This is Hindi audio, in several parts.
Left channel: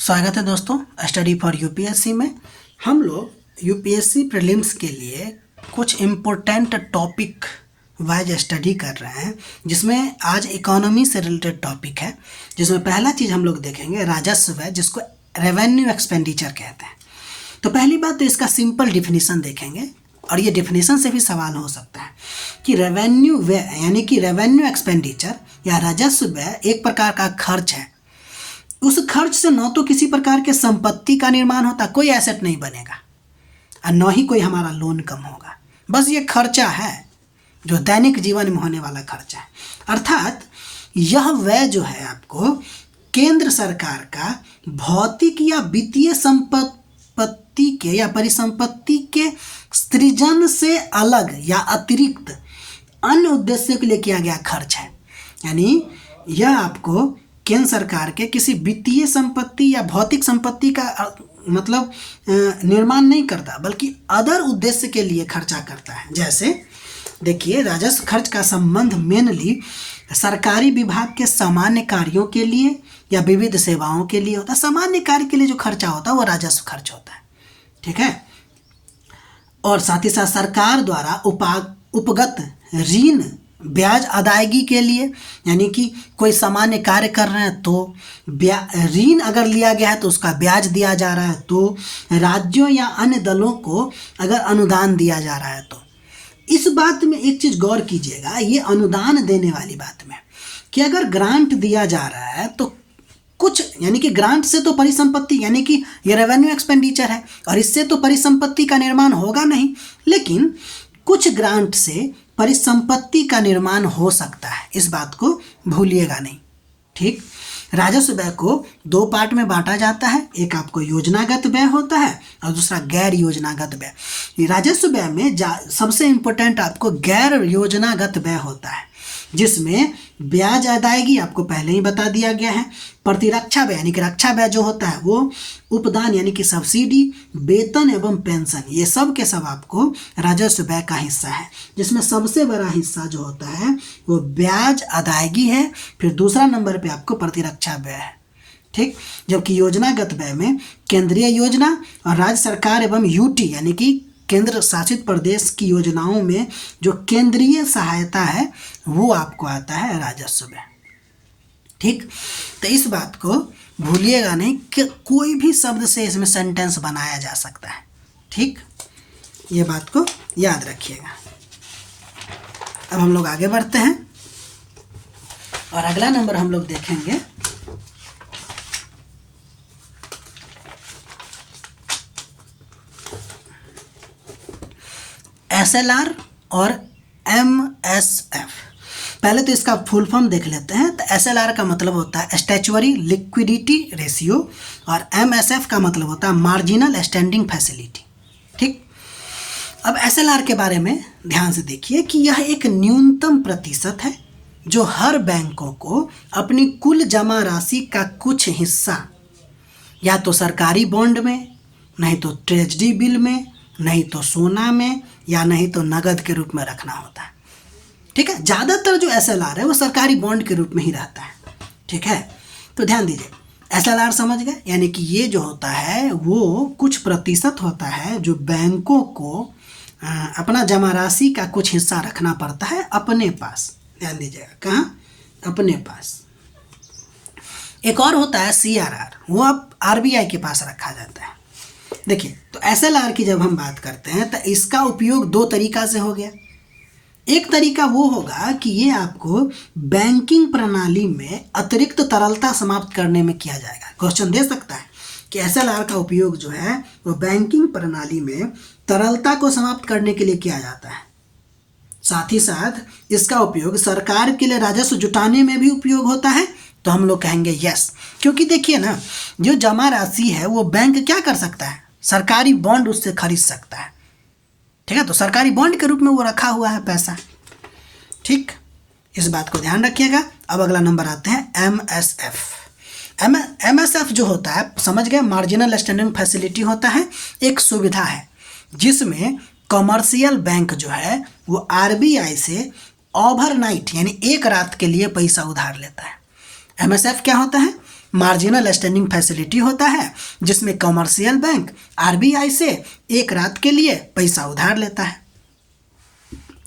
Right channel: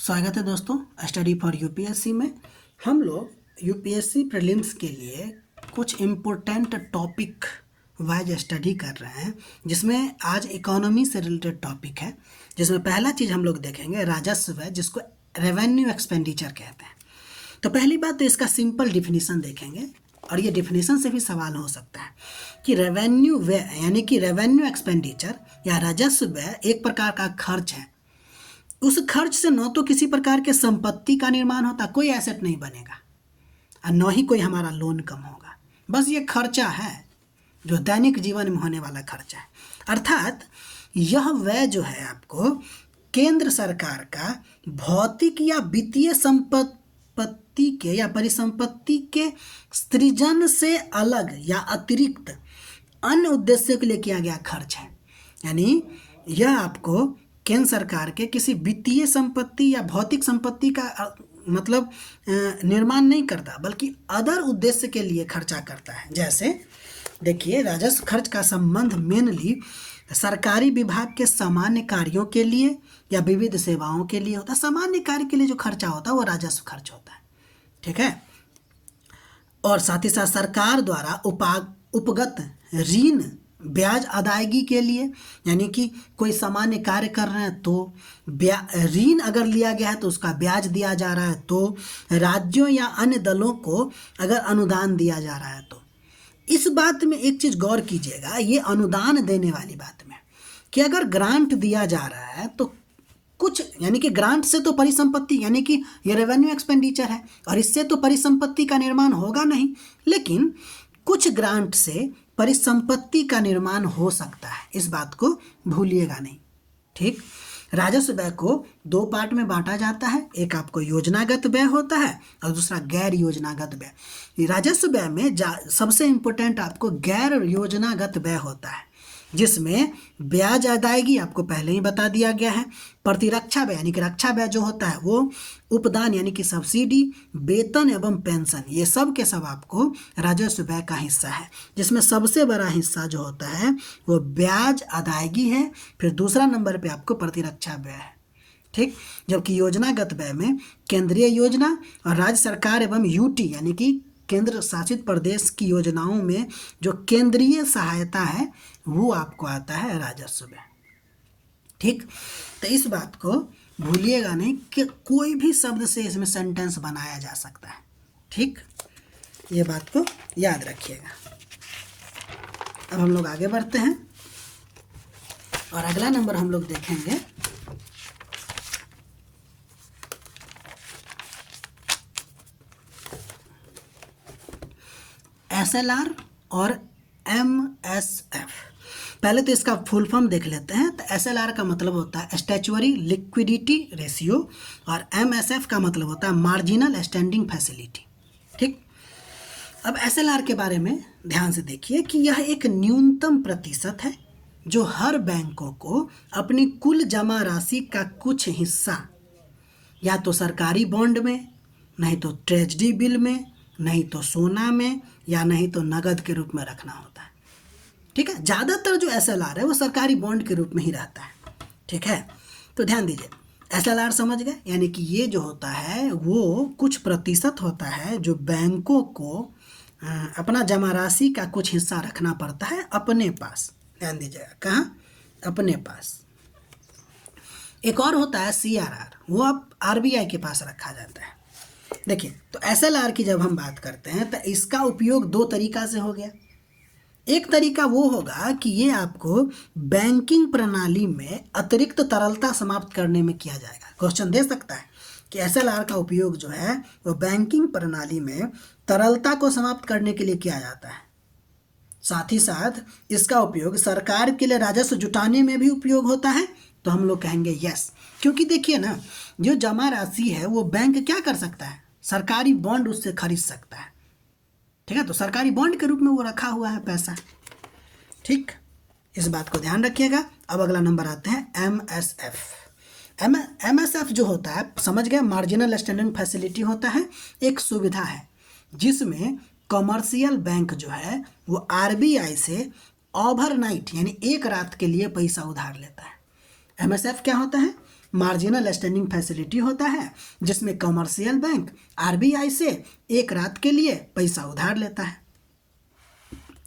स्वागत है दोस्तों स्टडी फॉर यूपीएससी में। हम लोग यूपीएससी प्रीलिम्स के लिए कुछ इम्पोर्टेंट टॉपिक वाइज स्टडी कर रहे हैं, जिसमें आज इकोनॉमी से रिलेटेड टॉपिक है। जिसमें पहला चीज़ हम लोग देखेंगे राजस्व है, जिसको रेवेन्यू एक्सपेंडिचर कहते हैं। तो पहली बात तो इसका सिंपल डिफिनीसन देखेंगे, और ये डिफिनीसन से भी सवाल हो सकता है कि रेवेन्यू व्यय यानी कि रेवेन्यू एक्सपेंडिचर या राजस्व व्यय एक प्रकार का खर्च है। उस खर्च से न तो किसी प्रकार के संपत्ति का निर्माण होता, कोई एसेट नहीं बनेगा, और न ही कोई हमारा लोन कम होगा। बस ये खर्चा है जो दैनिक जीवन में होने वाला खर्चा है। अर्थात यह व्यय जो है आपको केंद्र सरकार का भौतिक या वित्तीय संपत्ति के या परिसंपत्ति के सृजन से अलग या अतिरिक्त अन्य उद्देश्यों के लिए किया गया खर्च है। यानी यह आपको केंद्र सरकार के किसी वित्तीय संपत्ति या भौतिक संपत्ति का मतलब निर्माण नहीं करता, बल्कि अदर उद्देश्य के लिए खर्चा करता है। जैसे देखिए, राजस्व खर्च का संबंध मेनली सरकारी विभाग के सामान्य कार्यों के लिए या विविध सेवाओं के लिए होता है। सामान्य कार्य के लिए जो खर्चा होता है वो राजस्व खर्च होता है, ठीक है। और साथ ही साथ सरकार द्वारा उपगत ऋण ब्याज अदायगी के लिए, यानी कि कोई सामान्य कार्य कर रहे हैं तो ऋण अगर लिया गया है तो उसका ब्याज दिया जा रहा है, तो राज्यों या अन्य दलों को अगर अनुदान दिया जा रहा है तो इस बात में एक चीज़ गौर कीजिएगा, ये अनुदान देने वाली बात में कि अगर ग्रांट दिया जा रहा है तो कुछ, यानी कि ग्रांट से तो परिसंपत्ति यानी कि ये रेवेन्यू एक्सपेंडिचर है और इससे तो परिसंपत्ति का निर्माण होगा नहीं, लेकिन कुछ ग्रांट से परिसंपत्ति का निर्माण हो सकता है। इस बात को भूलिएगा नहीं, ठीक। राजस्व व्यय को दो पार्ट में बांटा जाता है, एक आपको योजनागत व्यय होता है और दूसरा गैर योजनागत व्यय। राजस्व व्यय में सबसे इम्पोर्टेंट आपको गैर योजनागत व्यय होता है, जिसमें ब्याज अदायगी आपको पहले ही बता दिया गया है। प्रतिरक्षा व्यय यानी कि रक्षा व्यय जो होता है वो उपदान यानी कि सब्सिडी, वेतन एवं पेंशन, ये सब के सब आपको राजस्व व्यय का हिस्सा है, जिसमें सबसे बड़ा हिस्सा जो होता है वो ब्याज अदायगी है। फिर दूसरा नंबर पे आपको प्रतिरक्षा व्यय है, ठीक। जबकि योजनागत व्यय में केंद्रीय योजना और राज्य सरकार एवं यूटी यानी कि केंद्र शासित प्रदेश की योजनाओं में जो केंद्रीय सहायता है वो आपको आता है राजस्व व्यय, ठीक। तो इस बात को भूलिएगा नहीं कि कोई भी शब्द से इसमें सेंटेंस बनाया जा सकता है, ठीक। ये बात को याद रखिएगा। अब हम लोग आगे बढ़ते हैं और अगला नंबर हम लोग देखेंगे SLR और MSF। पहले तो इसका फुल फॉर्म देख लेते हैं। तो SLR का मतलब होता है स्टैच्यूअरी लिक्विडिटी रेशियो और MSF का मतलब होता है मार्जिनल स्टैंडिंग फैसिलिटी, ठीक। अब SLR के बारे में ध्यान से देखिए कि यह एक न्यूनतम प्रतिशत है जो हर बैंकों को अपनी कुल जमा राशि का कुछ हिस्सा या तो सरकारी बॉन्ड में, नहीं तो ट्रेजरी बिल में, नहीं तो सोना में, या नहीं तो नगद के रूप में रखना होता है, ठीक है। ज़्यादातर जो SLR है वो सरकारी बॉन्ड के रूप में ही रहता है, ठीक है। तो ध्यान दीजिए, SLR समझ गए, यानी कि ये जो होता है वो कुछ प्रतिशत होता है जो बैंकों को अपना जमा राशि का कुछ हिस्सा रखना पड़ता है अपने पास। ध्यान दीजिएगा, कहाँ? अपने पास। एक और होता है CRR, वो अब RBI के पास रखा जाता है। देखिए, तो SLR की जब हम बात करते हैं तो इसका उपयोग दो तरीका से हो गया। एक तरीका वो होगा कि ये आपको बैंकिंग प्रणाली में अतिरिक्त तरलता समाप्त करने में किया जाएगा। क्वेश्चन दे सकता है कि SLR का उपयोग जो है वो बैंकिंग प्रणाली में तरलता को समाप्त करने के लिए किया जाता है। साथ ही साथ इसका उपयोग सरकार के लिए राजस्व जुटाने में भी उपयोग होता है। तो हम लोग कहेंगे यस, क्योंकि देखिए ना, जो जमा राशि है वो बैंक क्या कर सकता है, सरकारी बॉन्ड उससे खरीद सकता है, ठीक है। तो सरकारी बॉन्ड के रूप में वो रखा हुआ है पैसा, ठीक। इस बात को ध्यान रखिएगा। अब अगला नंबर आते हैं MSF। MSF जो होता है, समझ गए, मार्जिनल स्टैंडिंग फैसिलिटी होता है, एक सुविधा है जिसमें कमर्शियल बैंक जो है वो RBI से ओवरनाइट यानी एक रात के लिए पैसा उधार लेता है। MSF क्या होता है? मार्जिनल स्टैंडिंग फैसिलिटी होता है, जिसमें कमर्शियल बैंक आरबीआई से एक रात के लिए पैसा उधार लेता है।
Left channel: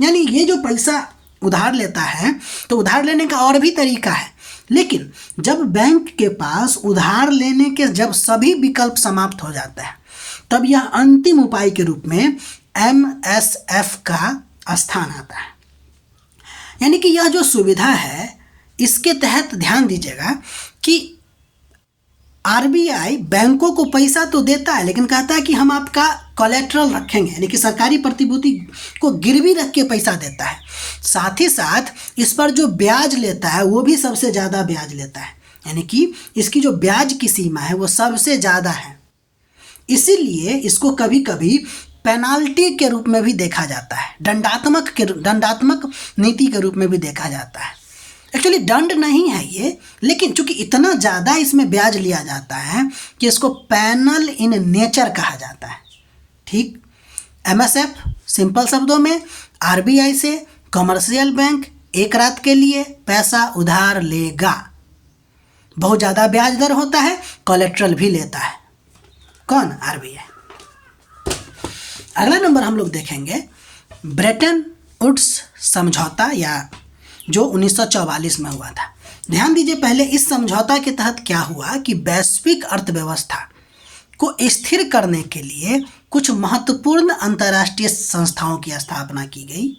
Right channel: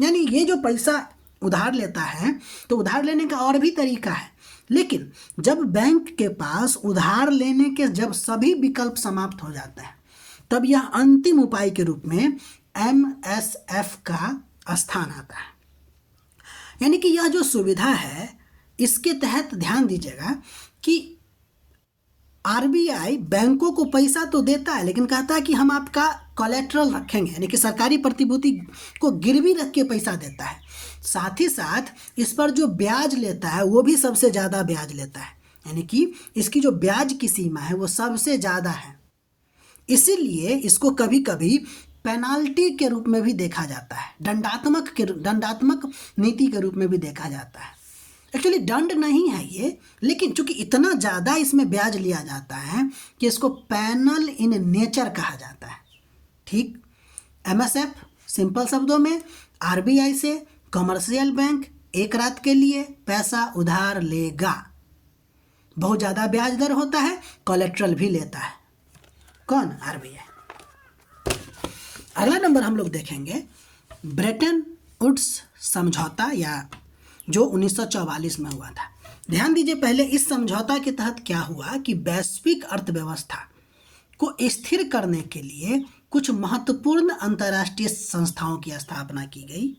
यानी ये जो पैसा उधार लेता है, तो उधार लेने का और भी तरीका है, लेकिन जब बैंक के पास उधार लेने के जब सभी विकल्प समाप्त हो जाते हैं, तब यह अंतिम उपाय के रूप में एमएसएफ का स्थान आता है। यानी कि यह जो सुविधा है, इसके तहत ध्यान दीजिएगा कि आरबीआई बैंकों को पैसा तो देता है, लेकिन कहता है कि हम आपका कोलेट्रल रखेंगे, यानी कि सरकारी प्रतिभूति को गिरवी रख के पैसा देता है। साथ ही साथ इस पर जो ब्याज लेता है वो भी सबसे ज़्यादा ब्याज लेता है, यानी कि इसकी जो ब्याज की सीमा है वो सबसे ज़्यादा है। इसीलिए इसको कभी कभी पेनाल्टी के रूप में भी देखा जाता है, दंडात्मक नीति के रूप में भी देखा जाता है। एक्चुअली दंड नहीं है ये, लेकिन चूंकि इतना ज़्यादा इसमें ब्याज लिया जाता है कि इसको पैनल इन नेचर कहा जाता है। ठीक, एमएसएफ सिंपल शब्दों में आरबीआई से कमर्शियल बैंक एक रात के लिए पैसा उधार लेगा, बहुत ज़्यादा ब्याज दर होता है, कोलेट्रल भी लेता है। कौन? आरबीआई। अगला नंबर हम लोग देखेंगे ब्रेटन वुड्स समझौता, या जो 1944 में हुआ था। ध्यान दीजिए, पहले इस समझौता के तहत क्या हुआ कि वैश्विक अर्थव्यवस्था को स्थिर करने के लिए कुछ महत्वपूर्ण अंतर्राष्ट्रीय संस्थाओं की स्थापना की गई,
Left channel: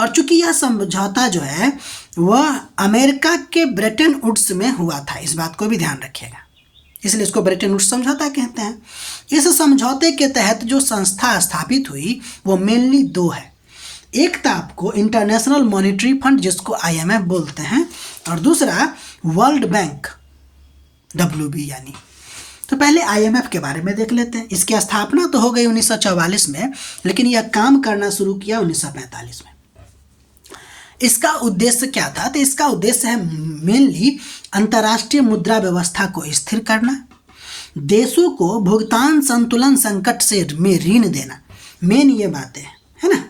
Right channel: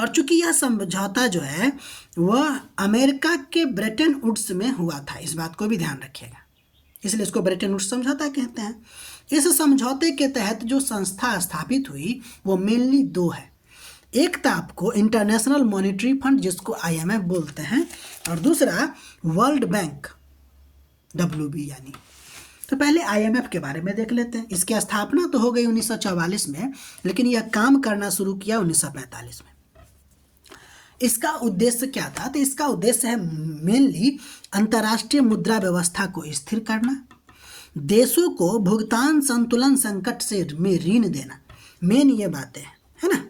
और चूंकि यह समझौता जो है वह अमेरिका के ब्रेटन वुड्स में हुआ था, इस बात को भी ध्यान रखिएगा, इसलिए इसको ब्रेटन वुड्स समझौता कहते हैं। इस समझौते के तहत जो संस्था स्थापित हुई वो मेनली दो है। एक था आपको इंटरनेशनल मॉनेटरी फंड, जिसको आईएमएफ बोलते हैं, और दूसरा वर्ल्ड बैंक, डब्ल्यूबी यानी। तो पहले आईएमएफ के बारे में देख लेते हैं। इसकी स्थापना तो हो गई 1944 में, लेकिन यह काम करना शुरू किया 1945 में। इसका उद्देश्य क्या था? तो इसका उद्देश्य है मेनली अंतर्राष्ट्रीय मुद्रा व्यवस्था को स्थिर करना, देशों को भुगतान संतुलन संकट से में ऋण देना। मेन ये बातें है ना,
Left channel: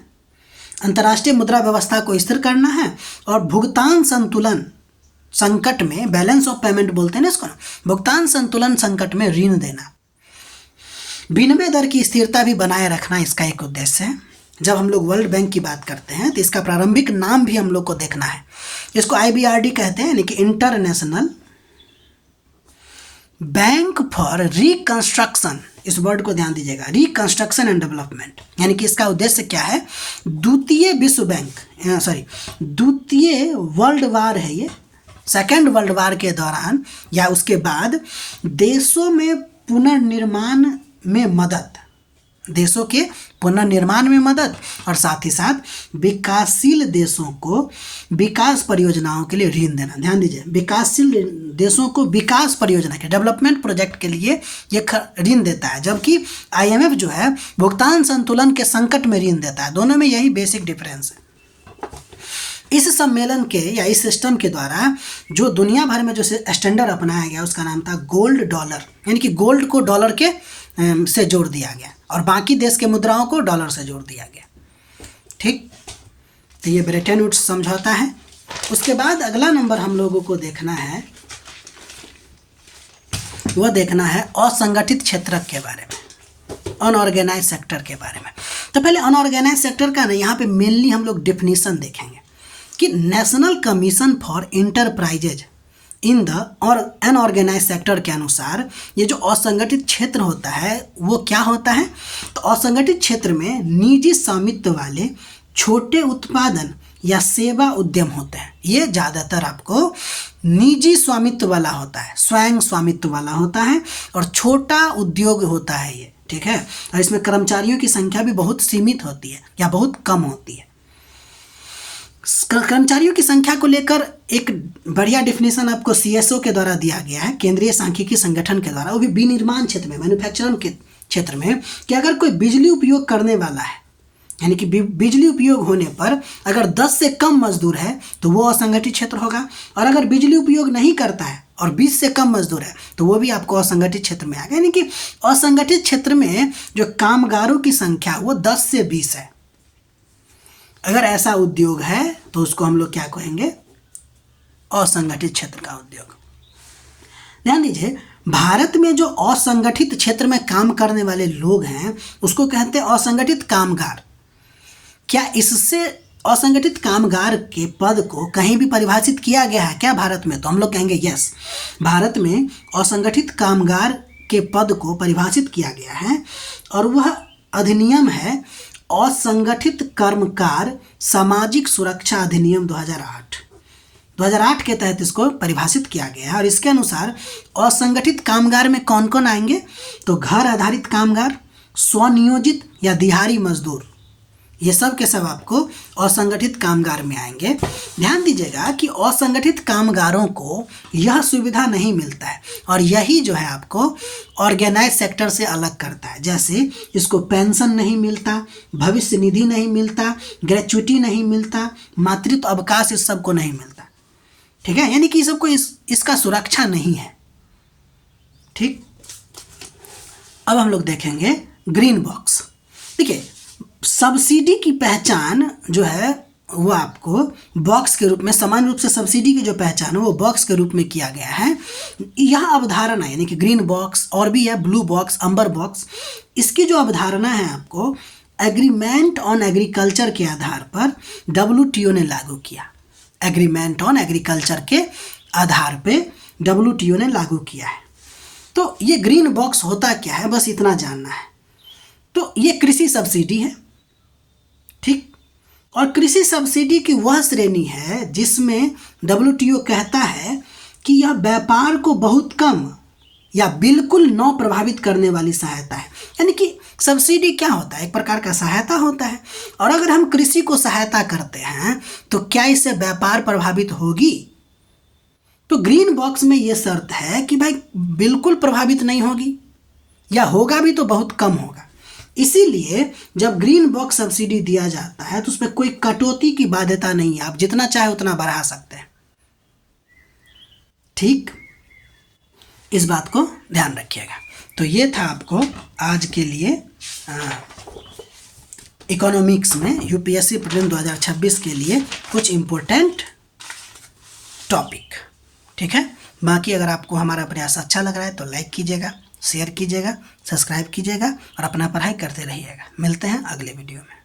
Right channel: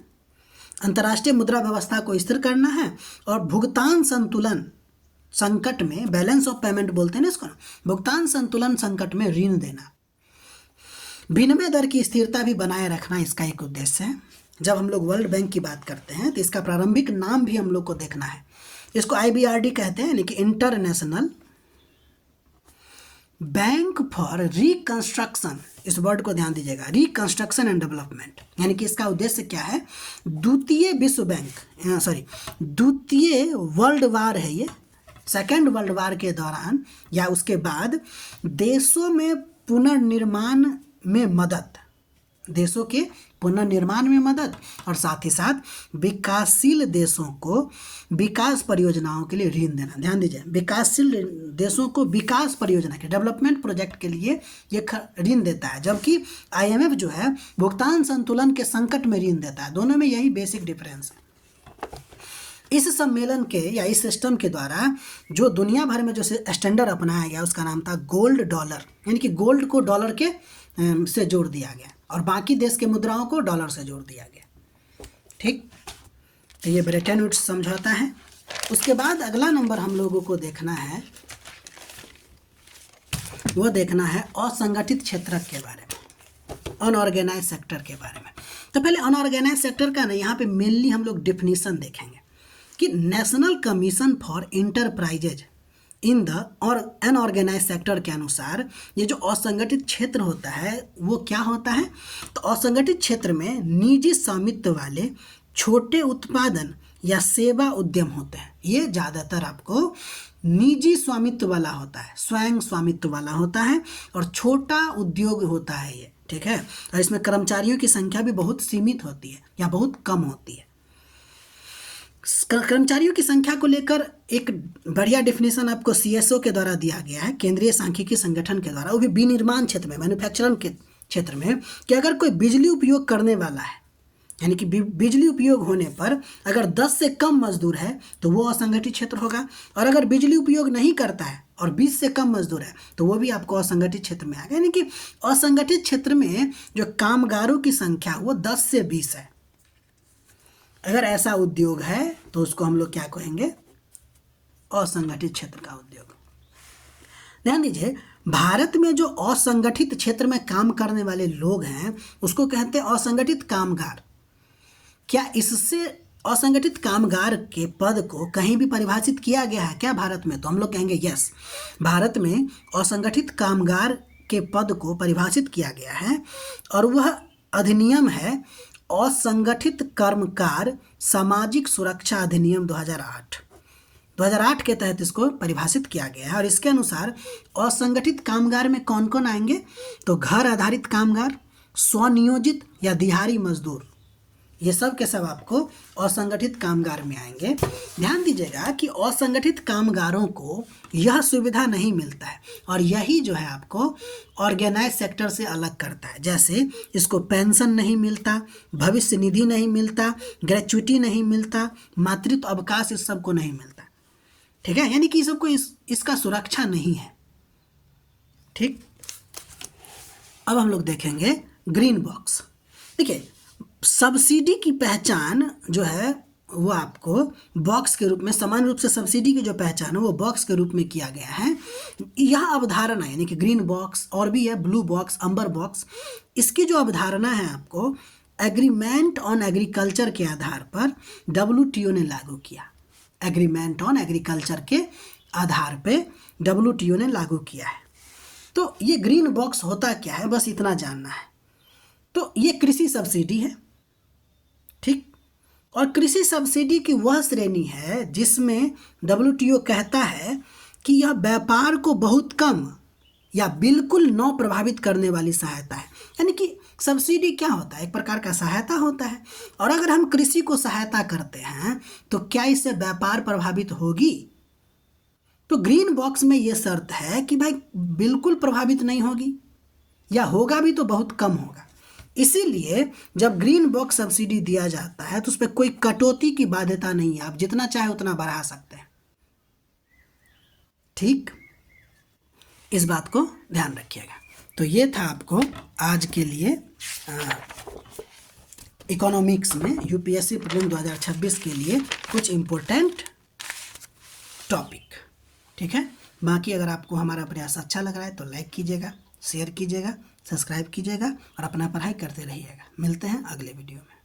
अंतर्राष्ट्रीय मुद्रा व्यवस्था को स्थिर करना है और भुगतान संतुलन संकट में, बैलेंस ऑफ पेमेंट बोलते हैं ना इसको, भुगतान संतुलन संकट में ऋण देना। विनिमय दर की स्थिरता भी बनाए रखना इसका एक उद्देश्य है। जब हम लोग वर्ल्ड बैंक की बात करते हैं तो इसका प्रारंभिक नाम भी हम लोग को देखना है। इसको आईबीआरडी कहते हैं, यानी कि इंटरनेशनल बैंक फॉर रिकंस्ट्रक्शन। इस वर्ड को ध्यान दीजिएगा, रिकंस्ट्रक्शन एंड डेवलपमेंट। यानी कि इसका उद्देश्य क्या है? द्वितीय वर्ल्ड वार है ये, सेकेंड वर्ल्ड वार के दौरान या उसके बाद देशों में पुनर्निर्माण में मदद, देशों के पुनर्निर्माण में मदद, और साथ ही साथ विकासशील देशों को विकास परियोजनाओं के लिए ऋण देना। ध्यान दीजिए, विकासशील देशों को विकास परियोजना के, डेवलपमेंट प्रोजेक्ट के लिए ये ऋण देता है, जबकि आईएमएफ जो है भुगतान संतुलन के संकट में ऋण देता है। दोनों में यही बेसिक डिफरेंस है। इस सम्मेलन के या इस सिस्टम के द्वारा जो दुनिया भर में जो स्टैंडर्ड अपनाया गया उसका नाम था गोल्ड डॉलर, यानी कि गोल्ड को डॉलर के से जोड़ दिया गया और बाकी देश के मुद्राओं को डॉलर से जोड़ दिया गया। ठीक, तो ये ब्रेटन वुड्स समझौता है। उसके बाद अगला नंबर हम लोगों को देखना है, वो देखना है असंगठित क्षेत्र के बारे में, अनऑर्गेनाइज सेक्टर के बारे में। तो पहले अनऑर्गेनाइज सेक्टर का ना यहाँ पे मेनली हम लोग डेफिनेशन देखेंगे कि national commission for enterprises in the और अनऑर्गेनाइज सेक्टर के अनुसार ये जो असंगठित क्षेत्र होता है वो क्या होता है? तो असंगठित क्षेत्र में निजी स्वामित्व वाले छोटे उत्पादन या सेवा उद्यम होते हैं। ये ज़्यादातर आपको निजी स्वामित्व वाला होता है, स्वयं स्वामित्व वाला होता है और छोटा उद्योग होता है ये। ठीक है, और इसमें कर्मचारियों की संख्या भी बहुत सीमित होती है या बहुत कम होती है। कर्मचारियों की संख्या को लेकर एक बढ़िया डिफिनेशन आपको सीएसओ के द्वारा दिया गया है, केंद्रीय सांख्यिकी संगठन के द्वारा, वो भी विनिर्माण क्षेत्र में, मैन्युफैक्चरिंग के क्षेत्र में, कि अगर कोई बिजली उपयोग करने वाला है, यानी कि बिजली उपयोग होने पर अगर 10 से कम मजदूर है तो वो असंगठित क्षेत्र होगा, और अगर बिजली उपयोग नहीं करता है और 20 से कम मजदूर है तो वो भी आपको असंगठित क्षेत्र में आ गया। यानी कि असंगठित क्षेत्र में जो कामगारों की संख्या वो 10 से 20 है। अगर ऐसा उद्योग है तो उसको हम लोग क्या कहेंगे? असंगठित क्षेत्र का उद्योग। ध्यान दीजिए, भारत में जो असंगठित क्षेत्र में काम करने वाले लोग हैं उसको कहते हैं असंगठित कामगार। क्या इससे असंगठित कामगार के पद को कहीं भी परिभाषित किया गया है क्या भारत में? तो हम लोग कहेंगे यस, भारत में असंगठित कामगार के पद को परिभाषित किया गया है और वह अधिनियम है असंगठित कर्मकार सामाजिक सुरक्षा अधिनियम 2008 के तहत इसको परिभाषित किया गया है। और इसके अनुसार असंगठित कामगार में कौन कौन आएंगे? तो घर आधारित कामगार, स्वनियोजित या दिहाड़ी मजदूर, ये सब के सब आपको असंगठित कामगार में आएंगे। ध्यान दीजिएगा कि असंगठित कामगारों को यह सुविधा नहीं मिलता है और यही जो है आपको ऑर्गेनाइज सेक्टर से अलग करता है। जैसे इसको पेंशन नहीं मिलता, भविष्य निधि नहीं मिलता, ग्रेच्युटी नहीं मिलता, मातृत्व अवकाश इस सब को नहीं मिलता। ठीक है, यानी कि सबको इसका सुरक्षा नहीं है। ठीक, अब हम लोग देखेंगे ग्रीन बॉक्स। देखिए, सब्सिडी की पहचान जो है वो आपको बॉक्स के रूप में, समान रूप से सब्सिडी की जो पहचान है वो बॉक्स के रूप में किया गया है। यह अवधारणा यानी कि ग्रीन बॉक्स और भी है ब्लू बॉक्स, अम्बर बॉक्स, इसकी जो अवधारणा है आपको एग्रीमेंट ऑन एग्रीकल्चर के आधार पर WTO ने लागू किया। एग्रीमेंट ऑन एग्रीकल्चर के आधार पे WTO ने लागू किया है। तो ये ग्रीन बॉक्स होता क्या है, बस इतना जानना है। तो ये कृषि सब्सिडी है, ठीक, और कृषि सब्सिडी की वह श्रेणी है जिसमें WTO कहता है कि यह व्यापार को बहुत कम या बिल्कुल न प्रभावित करने वाली सहायता है। यानी कि सब्सिडी क्या होता है? एक प्रकार का सहायता होता है। और अगर हम कृषि को सहायता करते हैं तो क्या इससे व्यापार प्रभावित होगी? तो ग्रीन बॉक्स में ये शर्त है कि भाई बिल्कुल प्रभावित नहीं होगी या होगा भी तो बहुत कम होगा। इसीलिए जब ग्रीन बॉक्स सब्सिडी दिया जाता है तो उस पर कोई कटौती की बाध्यता नहीं है, आप जितना चाहे उतना बढ़ा सकते हैं। ठीक, इस बात को ध्यान रखिएगा। तो ये था आपको आज के लिए इकोनॉमिक्स में UPSC प्रीलिम 2026 के लिए कुछ इम्पोर्टेंट टॉपिक। ठीक है, बाकी अगर आपको हमारा प्रयास अच्छा लग रहा है तो लाइक कीजिएगा, शेयर कीजिएगा, सब्सक्राइब कीजिएगा और अपना पढ़ाई करते रहिएगा। मिलते हैं अगले वीडियो में।